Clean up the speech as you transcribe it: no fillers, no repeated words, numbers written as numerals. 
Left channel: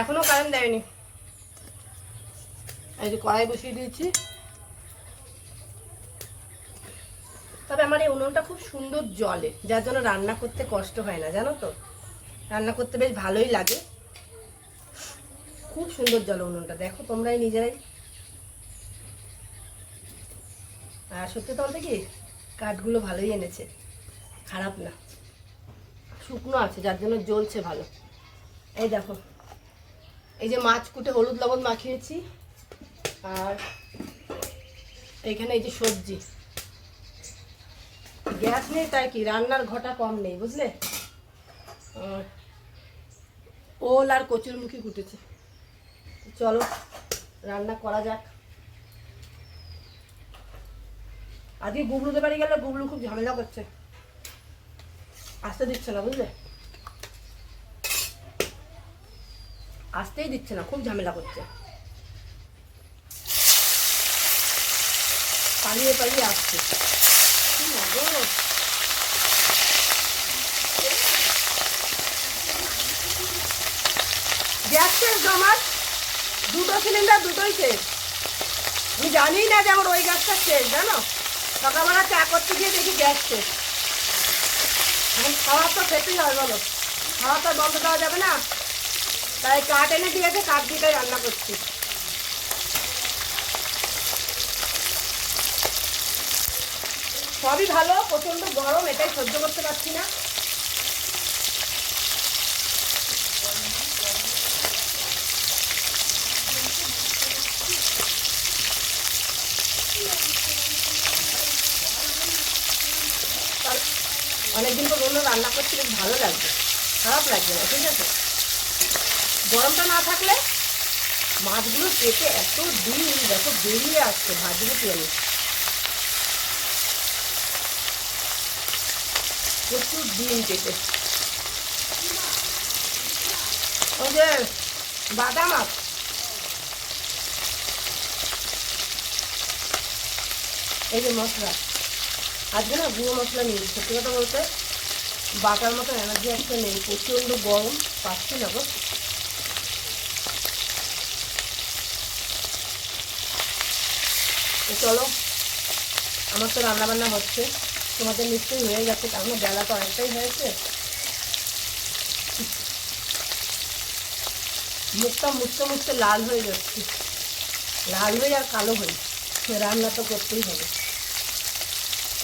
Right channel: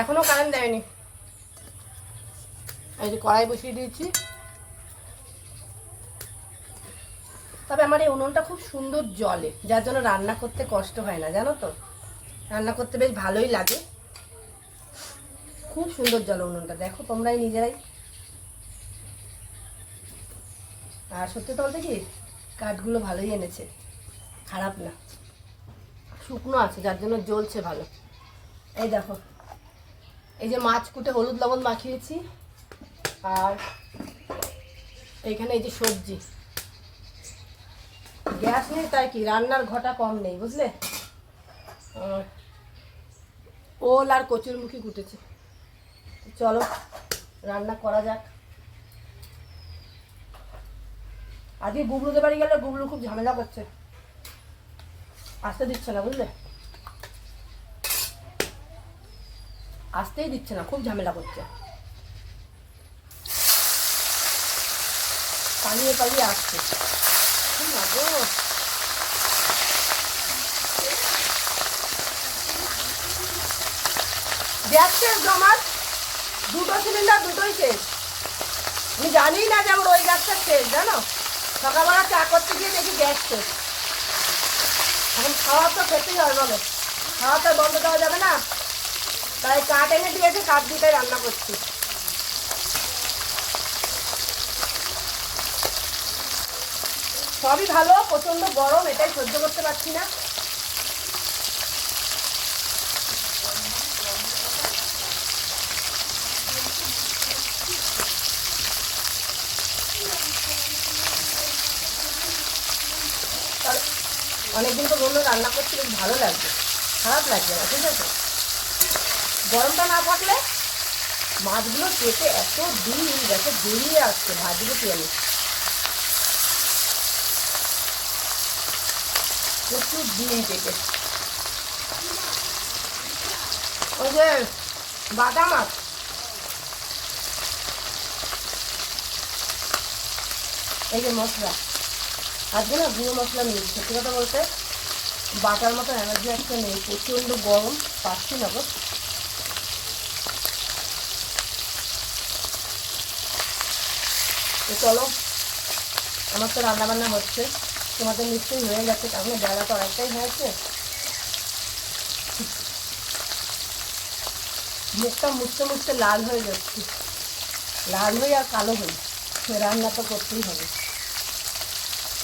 এখনো কারেন্ট দেয়নি। এই যে কড়াই বসিয়ে দিয়েছি। তবে আমার এই উনুনটা খুব সুন্দর জ্বলে, যার জন্য রান্না করতে কষ্ট হয় না, জানো তো। রান্না করতে বেশ ভালোই লাগে, খুব সুন্দর জ্বলে উনুনটা, দেখো তোমরাই নিজেরাই। আর সত্যি বলতে কি, কাঠগুলো ভালোই এনেছে, খারাপ না, শুকনো আছে, যার জন্য জ্বলছে ভালো। এই দেখো, এই যে মাছ কুটে হলুদ লবণ মাখিয়েছি, আর এইখানে এই যে সবজি। গ্যাস নেই তাই কি রান্নার ঘটা কম নেই, বুঝলে। ওল আর কচুরমুখী কুটেছে। চলো রান্না করা যাক। আজকে গুবলুদের বাড়ি গেলে গুবলু খুব ঝামেলা করছে, আসতে দিচ্ছে না, বুঝলে, আসতেই দিচ্ছে না, খুব ঝামেলা করছে, পালিয়ে পালিয়ে আসছে। গ্যাস শেষ আমার, দুটো সিলিন্ডার দুটোই শেষ। আমি জানি না যে আমার ওই গ্যাসটা শেষ, জানো। সকালবেলা চা করতে গিয়ে দেখি গ্যাস শেষ। এখন খাওয়া তো খেতেই হয়, বলো, খাওয়া তো বন্ধ দেওয়া যাবে না। তাই কাঠ এনে দিয়েছে, কাঠ দিয়ে রান্না করছি। সবই ভালো, প্রচন্ড গরম, এটাই সহ্য করতে পারছি না। অনেকদিন তো বললো রান্না করতে বেশ ভালো লাগবে, খারাপ লাগবে না, ঠিক আছে। গরমটা না থাকলে মাছগুলো পেটে এত দিন যাতে বেরিয়ে আসছে, ভাজলে কি আমি প্রচুর দিন পেটে। ওই যে বাটা মাছ, এই যে মশলা, আজকে না গুঁড়ো মশলা নিয়েছি। সত্যি কথা বলতে বাটার মতো এনার্জি একটা নেই, প্রচণ্ড গরম, পাচ্ছি না গো। তো চলো, আমার তো রান্না বান্না হচ্ছে, তোমাদের নিশ্চয়ই হয়ে গেছে, কারণ বেলা তো অনেকটাই হয়েছে। মুখটা মুছতে মুছতে লাল হয়ে যাচ্ছে, লাল হয়ে আর কালো হয়ে, রান্না তো করতেই হবে।